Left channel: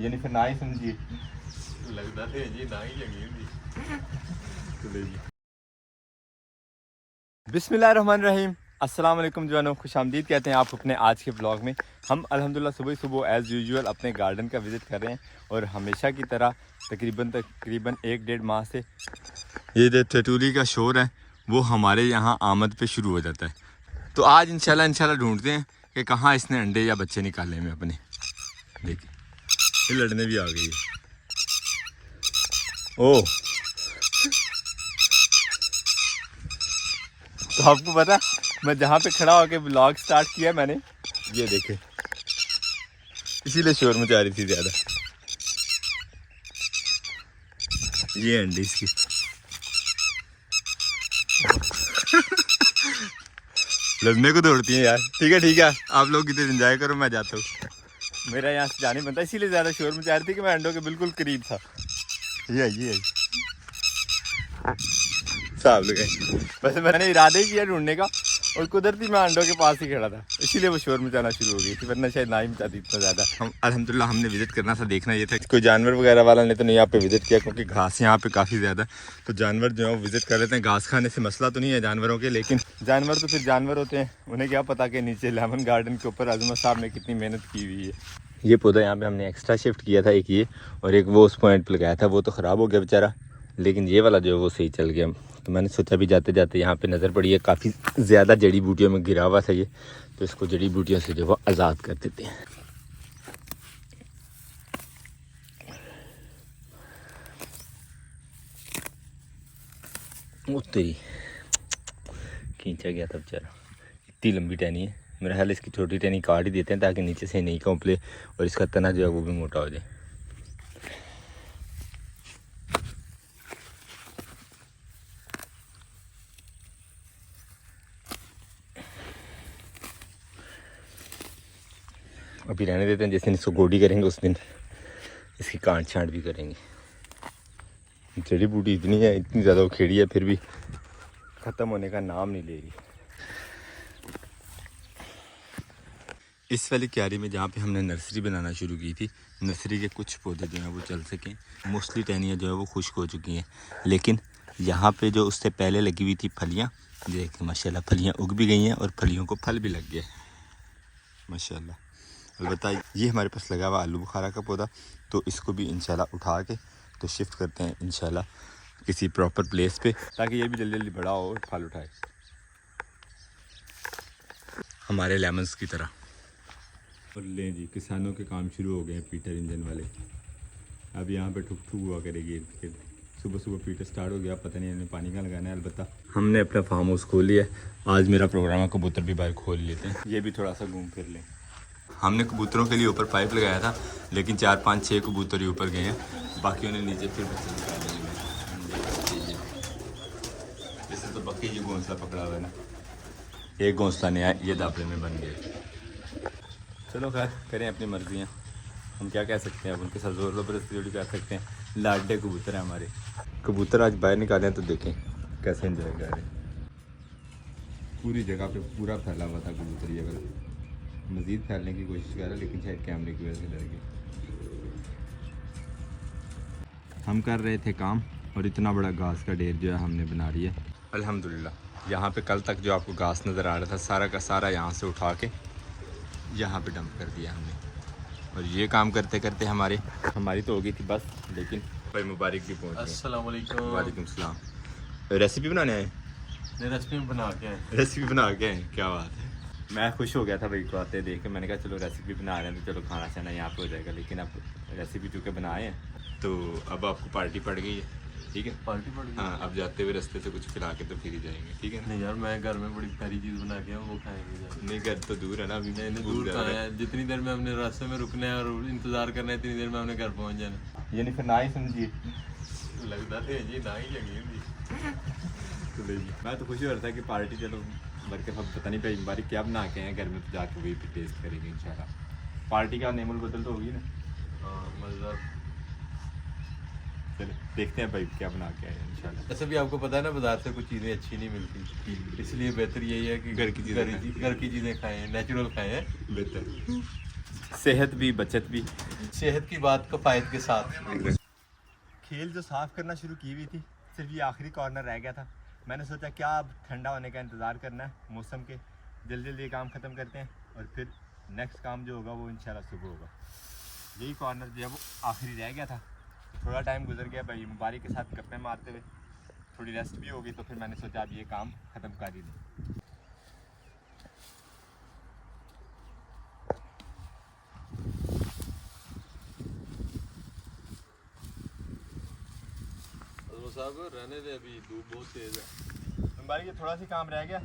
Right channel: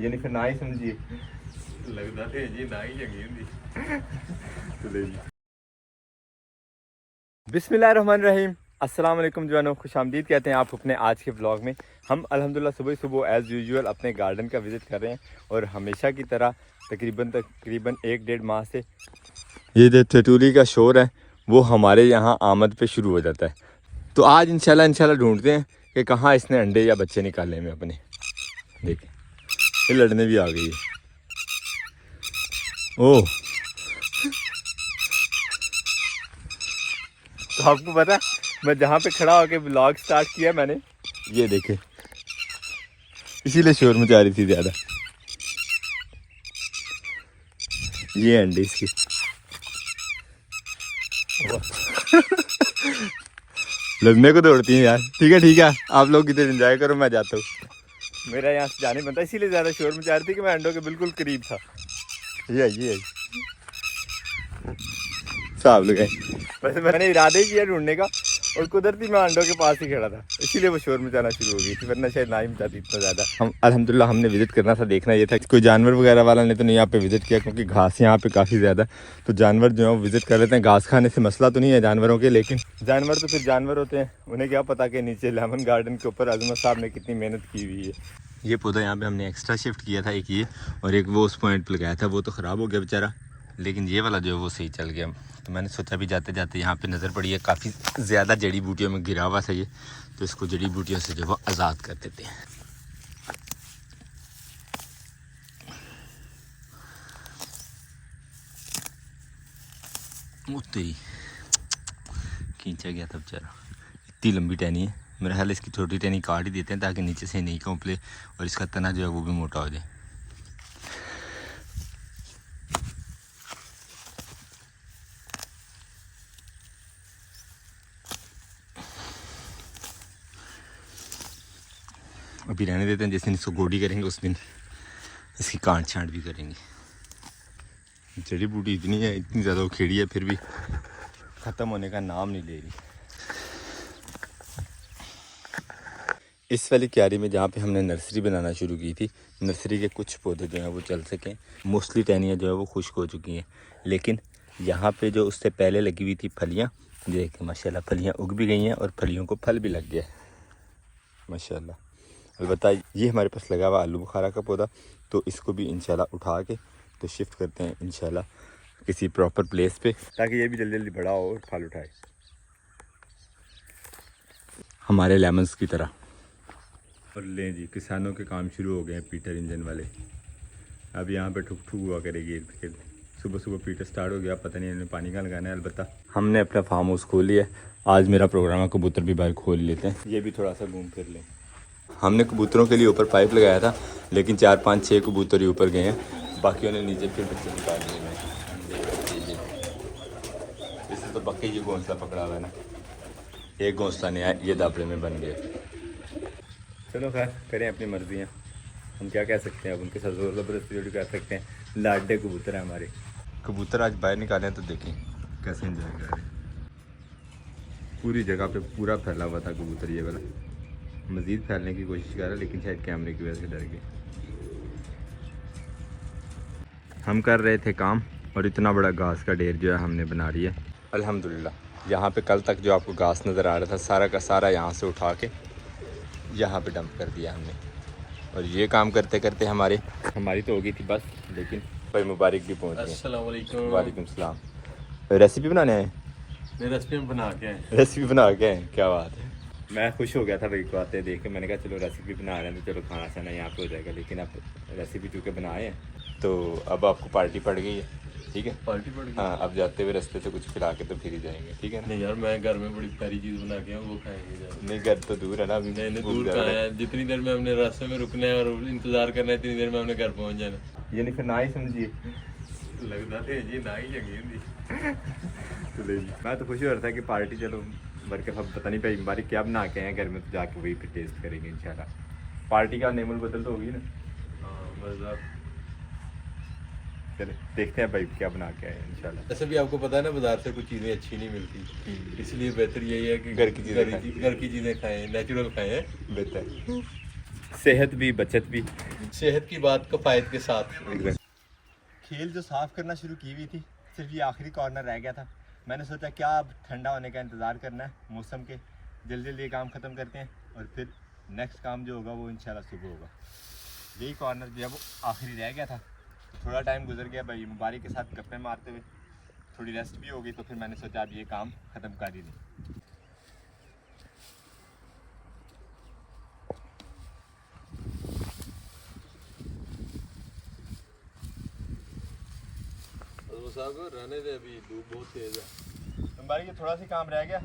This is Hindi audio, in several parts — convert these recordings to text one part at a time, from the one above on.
यानी फिर ना ही समझिए लगता थे जी ना ही जगी होंदी। चले जी। बिस्मिल्लाहिर्रहमानिर्रहीम, अस्सलाम वालेकुम जवानों, खुशामदीद कहते हैं आप अपने आज के ब्लॉग में। हम अल्हम्दुलिल्लाह सुबह सुबह एज़ यूजुअल अपने गार्डन का विज़िट कर रहे हैं और हमेशा की तरह तकरीबन 1-1.5 माह से ये जो तेतुली का शोर है वो हमारे यहाँ आमद पे शुरू हो जाता है। तो आज इंशाल्लाह ढूंढते हैं कि कहाँ इसने अंडे या बच्चे निकाले में अपने। देखिए ये लड़ने भी आ गई है। ओह, तो आपको पता मैं जहाँ पे खड़ा होकर ब्लॉग स्टार्ट किया मैंने, ये देखे इसीलिए शोर मचा रही थी ज़्यादा। ये अंडे इसकी लड़ने को दौड़ती हैं यार। ठीक है आप लोग इधर एंजॉय करो, मैं जाता हूँ। मेरा यहाँ से जाने बनता, इसीलिए ज़्यादा शोर मचा रही थी कि मैं अंडों के बिल्कुल करीब था। ये आई साहब लोग। वैसे मैंने इरादे ही किया ढूंढने का और कुदरती मैं अंडों के पास ही खड़ा था, इसीलिए वो शोर मचाना शुरू हो गई थी, वरना शायद ना ही मचाती इतना ज़्यादा। हम अल्हम्दुलिल्लाह हमने विजिट करना था, देखना ये था कोई जानवर वगैरह वाला ने तो नहीं यहाँ पे विजिट किया, क्योंकि घास यहाँ पे काफ़ी ज़्यादा, तो जानवर जो है विजिट कर लेते हैं। घास खाने से मसला तो नहीं है जानवरों के, लेकिन जानवर तो फिर जानवर होते हैं, उन्हें क्या पता कि नीचे लेमन गार्डन के ऊपर अजमत साहब ने कितनी मेहनत की हुई है। ये पौधा यहाँ पे हमने एक्स्ट्रा शिफ्ट किया था, एक ये और एक वो उस पॉइंट पर लगाया था, वो तो ख़राब हो गया बेचारा, लेकिन ये वाला जो है वो सही चल गया। तो मैंने सोचा भी जाते जाते यहाँ पे नज़र पड़ी है काफ़ी ज़्यादा जड़ी बूटियों में घिरा हुआ था ये, तो इसको जड़ी बूटियों से जो है आज़ाद कर देते हैं। तेरी खींचा गया था बेचारा, इतनी लंबी टहनी है, मेरा ख्याल इसकी छोटी टहनी काट ही देते हैं ताकि नीचे से नहीं कौंपले और इसका तना जो है वो भी मोटा हो जाए। अभी रहने देते हैं, जिस दिन इसको गोडी करेंगे उस दिन इसकी काट छांट भी करेंगे। जड़ी बूटी इतनी है, इतनी ज़्यादा उखेड़ी है, फिर भी ख़त्म होने का नाम नहीं ले रही। इस वाली क्यारी में जहाँ पे हमने नर्सरी बनाना शुरू की थी, नर्सरी के कुछ पौधे जो हैं वो चल सकें, मोस्टली टहनियाँ जो है वो खुश्क हो चुकी हैं, लेकिन यहाँ पे जो उससे पहले लगी हुई थी फलियाँ, देखें माशाल्लाह फलियाँ उग भी गई हैं और फलियों को फल भी लग गया माशाल्लाह। अलबत्ता ये हमारे पास लगा हुआ आलू बुखारा का पौधा, तो इसको भी इंशाल्लाह उठा के तो शिफ्ट करते हैं इंशाल्लाह किसी प्रॉपर प्लेस पे, ताकि ये भी जल्दी जल्दी बड़ा हो और फल उठाए हमारे लेमन्स की तरह। और लें जी, किसानों के काम शुरू हो गए हैं पीटर इंजन वाले। अब यहाँ पे ठुक ठुक हुआ करेगी इर्द गिर्द। सुबह सुबह पीटर स्टार्ट हो गया, पता नहीं इन्हें पानी कहाँ लगाना है। अलबत्ता हमने अपना फार्म हाउस खोल लिया, आज मेरा प्रोग्राम है कबूतर भी बाहर खोल लेते हैं, ये भी थोड़ा सा घूम फिर लें। हमने कबूतरों के लिए ऊपर पाइप लगाया था, लेकिन 4-5-6 कबूतर ही ऊपर गए हैं, बाकियों ने नीचे फिर बच्चे निकाल लिए हैं। इससे तो पक्के ये घोंसला पकड़ा हुआ है ना, एक घोंसला नहीं आया, ये दाबड़े में बन गए। चलो खैर करें अपनी मर्जियाँ, हम क्या कह सकते हैं, अब उनके साथ जोर ज़बरदस्ती जोड़ी कर सकते हैं। लाडे कबूतर हैं हमारे, कबूतर आज बाहर निकाले हैं तो देखें कैसे एंजॉय कर रहे हैं। पूरी जगह पे पूरा फैला हुआ था कबूतर, ये वाला मज़ीद फैलने की कोशिश कर रहा है, लेकिन शायद कैमरे की वजह से डर गए। हम कर रहे थे काम और इतना बड़ा घास का ढेर जो है हमने बना लिया अल्हम्दुलिल्लाह। यहाँ पे कल तक जो आपको घास नज़र आ रहा था सारा का सारा यहाँ से उठा के यहाँ पे डंप कर दिया हमने, और ये काम करते करते हमारी तो हो गई थी बस, लेकिन भाई मुबारक भी पहुँच गई। अस्सलाम वालेकुम। वालेकुम सलाम। रेसिपी बनाने आए? रेसिपी बना के आए। रेसिपी बना के आए, क्या बात है। मैं खुश हो गया था भाई को आते देख के, मैंने कहा चलो रेसिपी बना रहे हैं तो चलो खाना शाना यहाँ पे हो जाएगा, लेकिन अब रेसिपी चूँकि बनाए हैं तो अब आपको पार्टी पड़ गई है, ठीक है। पार्टी पड़ गई। हाँ, अब जाते हुए रास्ते से कुछ खिला के तो फिर ही जाएंगे, ठीक है ना। नहीं यार, मैं घर में बड़ी प्यारी चीज़ बना के आऊँ, वो खाएंगे। नहीं घर तो दूर है ना, अभी नहीं दूर कहाँ है, जितनी देर में हमने रास्ते में रुकना है और इंतजार करना है इतनी देर में हमने घर पहुँच जाना। यानी फिर ना ही समझिए लगता थे जी ना ही जगी होंदी। चलो जी, मैं तो खुशी हो रहा था कि पार्टी चलो, बल्कि अब पता नहीं भाई बारी क्या बना के हैं घर में, तो जाके वही पे टेस्ट करेंगे इंशाल्लाह। पार्टी का नेमुल बदल तो होगी ना। हाँ मज़ा। चले देखते हैं भाई क्या बना के आए इंशाल्लाह। ऐसे भी आपको पता है ना, बाजार से कुछ चीज़ें अच्छी नहीं मिलती, इसलिए बेहतर यही है कि घर की चीज़ें घर की चीज़ें खाएं, नेचुरल खाएं, बेहतर। सेहत भी बचत भी। सेहत की बात कफायत के साथ। खेल जो साफ़ करना शुरू की हुई थी, सिर्फ ये आखिरी कॉर्नर रह गया था। मैंने सोचा क्या अब ठंडा होने का इंतज़ार करना है मौसम के, जल्दी जल्दी ये काम ख़त्म करते हैं और फिर नेक्स्ट काम जो होगा वो इंशाल्लाह सुबह होगा। यही कॉर्नर जो है वो आखिरी रह गया था। थोड़ा टाइम गुजर गया भाई मुबारक के साथ गप्पे मारते हुए, थोड़ी रेस्ट भी होगी, तो फिर मैंने सोचा अब ये काम ख़त्म कर ही दें। साहब रहने दे, अभी धूप बहुत तेज है। मुबारक ये थोड़ा सा काम रह गया,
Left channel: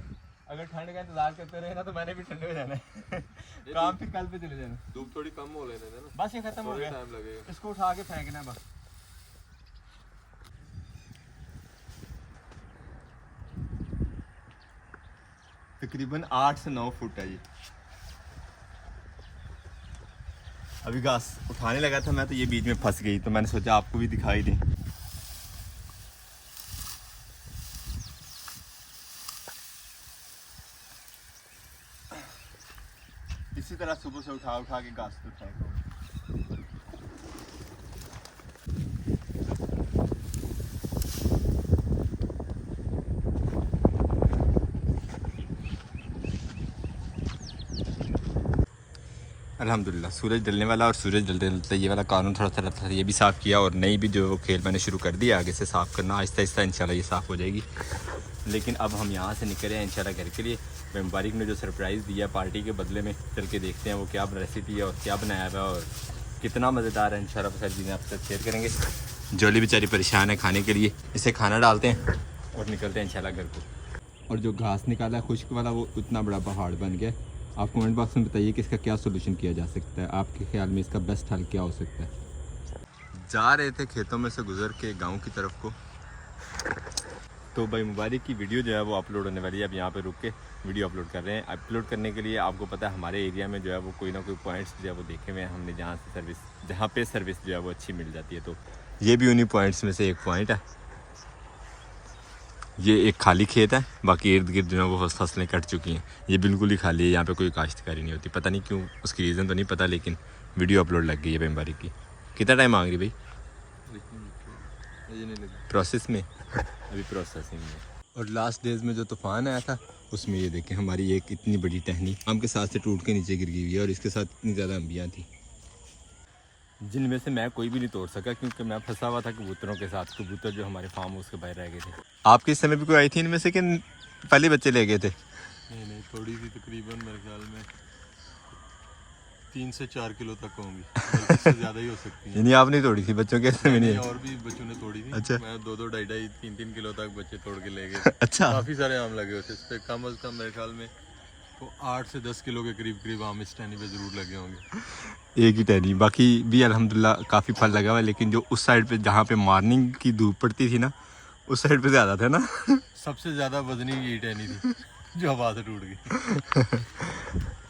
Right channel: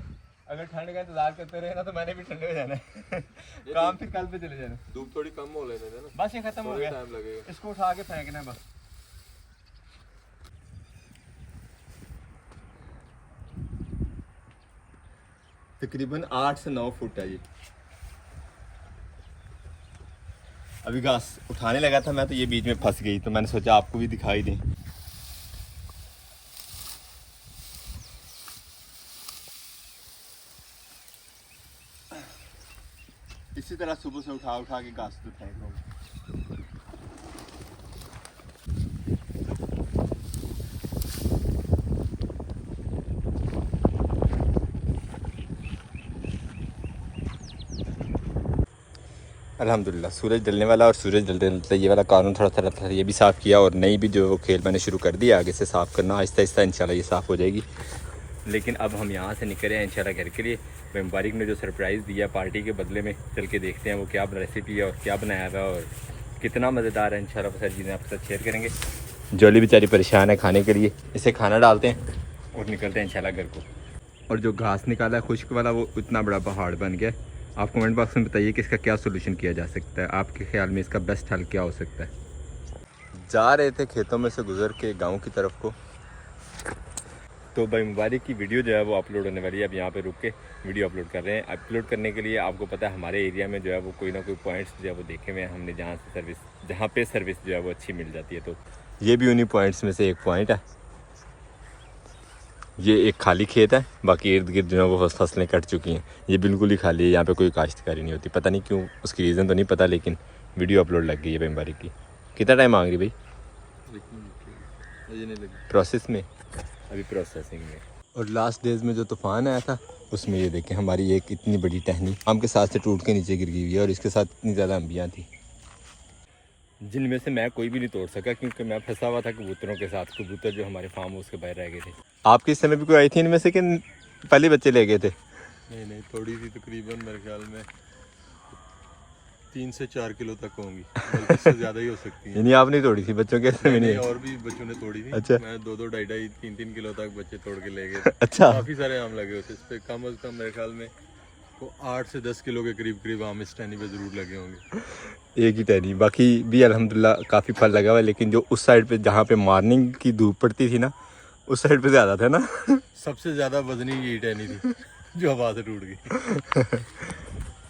अगर ठंड का इंतजार करते रहे ना तो मैंने भी ठंडे हो जाना है काम फिर कल पे चले जाना। धूप थोड़ी कम हो लेने देना, बस ये खत्म हो गया, टाइम लगेगा। इसको उठा के फेंकना है बस। तकरीबन 8 से 9 फुट है ये। अभी घास उठाने लगा था मैं तो ये बीच में फंस गई, तो मैंने सोचा आपको भी दिखाई दें। इसी तरह सुबह से उठा उठा के घास तो फेंक दूंगा। अल्हम्दुलिल्लाह सूरज ढलने वाला, और सूरज ढलते ढलते ये वाला कानून थोड़ा सा रहता था, ये भी साफ़ किया, और नई भी जो खेल मैंने शुरू कर दिया आगे से साफ़ करना आहिस्ता आहिस्ता इंशाल्लाह ये साफ़ हो जाएगी। लेकिन अब हम यहाँ से निकले हैं इंशाल्लाह घर के लिए। भाई मुबारक ने जो सरप्राइज़ दिया पार्टी के बदले में, चल के देखते हैं वो क्या रेसिपी है और क्या बनाया हुआ है और कितना मज़ेदार है। इंशाल्लाह सारी चीज़ें आपके साथ शेयर करेंगे। जोली बेचारी परेशान है खाने के लिए, इसे खाना डालते हैं और निकलते हैं इंशाल्लाह घर को। और जो घास निकाला खुश्क वाला वो इतना बड़ा पहाड़ बन गया। आप कमेंट बॉक्स में बताइए कि इसका क्या सोल्यूशन किया जा सकता है, आपके ख्याल में इसका बेस्ट हल क्या हो सकता है। जा रहे थे खेतों में से गुजर के गांव की तरफ को, तो भाई मुबारक की वीडियो जो है वो अपलोड होने वाली है। अब यहाँ पे रुक के वीडियो अपलोड कर रहे हैं। अपलोड करने के लिए आपको पता है हमारे एरिया में जो है वो कोई ना कोई पॉइंट्स जो है वो देखे हुए हैं हमने, जहाँ पे सर्विस जो है वो अच्छी मिल जाती है। तो ये भी उन्हीं पॉइंट्स में से एक पॉइंट है। ये एक खाली खेत है, बाकी इर्द गिर्द जो है वो फसलें कट चुकी हैं। ये बिल्कुल ही खाली है, यहाँ पे कोई काश्तकारी नहीं होती। पता नहीं क्यों, उसकी रीज़न तो नहीं पता, लेकिन वीडियो अपलोड लग गई है भाई मुबारक की। कितना टाइम मांग रही भाई? प्रोसेस में, अभी प्रोसेसिंग में। और लास्ट डेज में जो तूफ़ान आया था उसमें ये देखें हमारी एक इतनी बड़ी टहनी आम के साथ से टूट के नीचे गिर गई हुई है, और इसके साथ इतनी ज़्यादा अंबियाँ थी जिनमें से मैं कोई भी नहीं तोड़ सका, क्योंकि मैं फंसा हुआ था कबूतरों के साथ। कबूतर जो हमारे फार्म हाउस के बाहर रह गए थे। आपके इस समय भी कोई आई थी इनमें से कि पहले बच्चे ले गए थे? नहीं थोड़ी सी, तकरीबन मेरे ख्याल में 3 से 4 किलो तक होंगी, इससे ज़्यादा ही हो सकती है। यानी आपने तोड़ी थी बच्चों के समय? नहीं, और भी बच्चों ने तोड़ी थी। अच्छा। मैं 2-2, 2.5, 3-3 किलो तक बच्चे तोड़ के ले गए। अच्छा, काफ़ी सारे आम लगे होते, इस पर कम अज़ कम मेरे ख्याल में वो 8 से 10 किलो के करीब आम इस टहनी पे ज़रूर लगे होंगे। एक ही टहनी, बाकी भी अल्हम्दुलिल्लाह काफ़ी फल लगा हुआ है। लेकिन जो उस साइड पे जहाँ पे मॉर्निंग की धूप पड़ती थी ना, उस साइड पे ज़्यादा था ना। सबसे ज़्यादा वजनी यही टहनी थी जो हवा से टूट गई।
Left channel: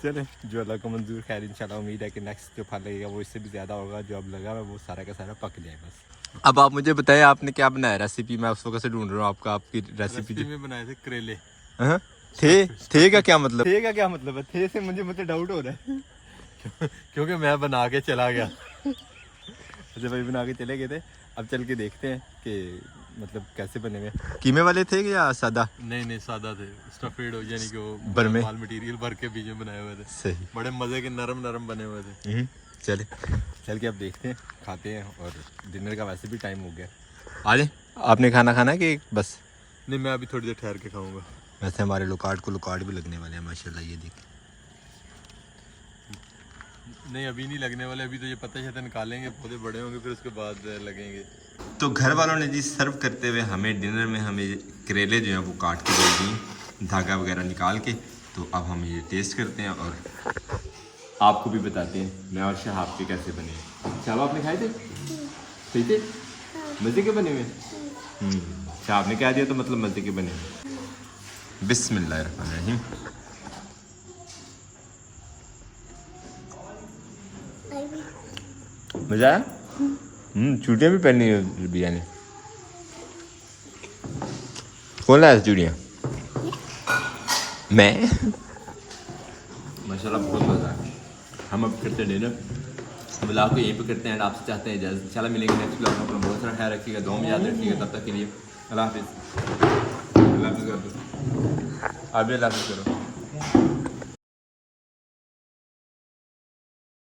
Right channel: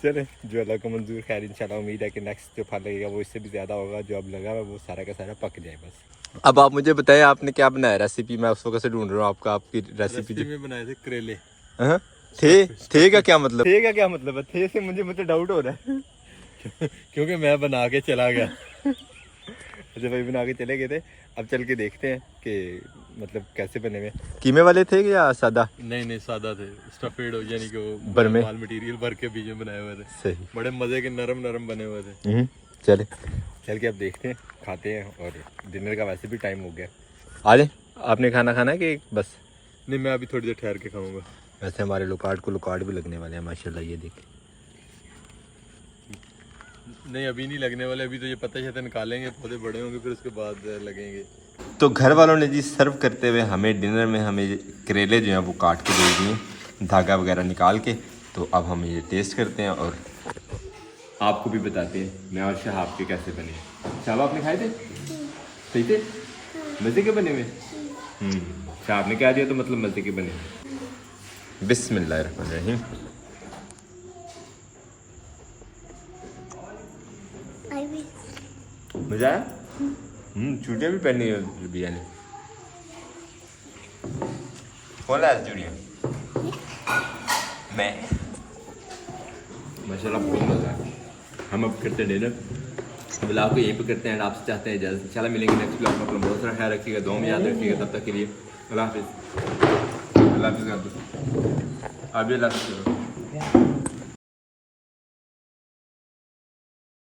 चले जो अल्लाह को मंजूर, खैर इंशाल्लाह उम्मीद है कि नेक्स्ट जो फल लगेगा वो इससे भी ज़्यादा होगा। जो अब लगा हुआ वो सारा का सारा पक जाए बस। अब आप मुझे बताएं आपने क्या बनाया रेसिपी? मैं उस वक्त से ढूंढ रहा हूँ आपकी रेसिपी में बनाए थे करेले। हाँ थे का क्या मतलब? थे का क्या मतलब है? थे से मुझे डाउट हो रहा है क्योंकि मैं बना के चला गया। अच्छा भाई बना के चले गए थे, अब चल के देखते हैं कि मतलब कैसे बने हुए। कीमे वाले थे या सादा? नहीं सादा थे, स्टफेड हो, यानी कि वो भर में माल मटेरियल भर के बीच में बनाए हुए थे। सही, बड़े मजे के नरम बने हुए थे। चल के अब देखते हैं, खाते हैं। और डिनर का वैसे भी टाइम हो गया। आज आपने खाना खाना है कि बस? नहीं, मैं अभी थोड़ी देर ठहर के खाऊंगा। वैसे हमारे लोकार्ड को लोकार्ड भी लगने वाले हैं माशाल्लाह, ये देखें। नहीं अभी नहीं लगने वाले, अभी तो ये पता है निकालेंगे, पौधे बड़े होंगे फिर उसके बाद लगेंगे। तो घर वालों ने जी सर्व करते हुए हमें डिनर में हमें करेले जो हैं वो काट के दे दिए, धागा वगैरह निकाल के। तो अब हम ये टेस्ट करते हैं और आपको भी बताते हैं मैं और शहाब के कैसे बने हैं। शहाब आपने खाए थे? सही थे? मज़े के बने हुए? शहाब ने क्या दिया तो मतलब मज़े के बने हुए। बिस्मिल्लाहिर्रहमानिर्रहीम। मज़ा आया? चूड़ियाँ भी पहनी है बिया ने। कौन लाया चूड़ियाँ? मैं। माशाल्लाह बहुत मज़ा है। हम अब करते हैं डिनर, ब्लॉग को यहीं पे करते हैं। आपसे चाहते हैं इजाज़त, इंशाल्लाह मिलेंगे नेक्स्ट ब्लॉग में। अपना बहुत सारा ख्याल रखिएगा, दुआ में याद रखिएगा। तब तक के लिए अल्लाह हाफिज़। अल्लाह हाफिज़। आप भी अल्लाह हाफिज़ करो।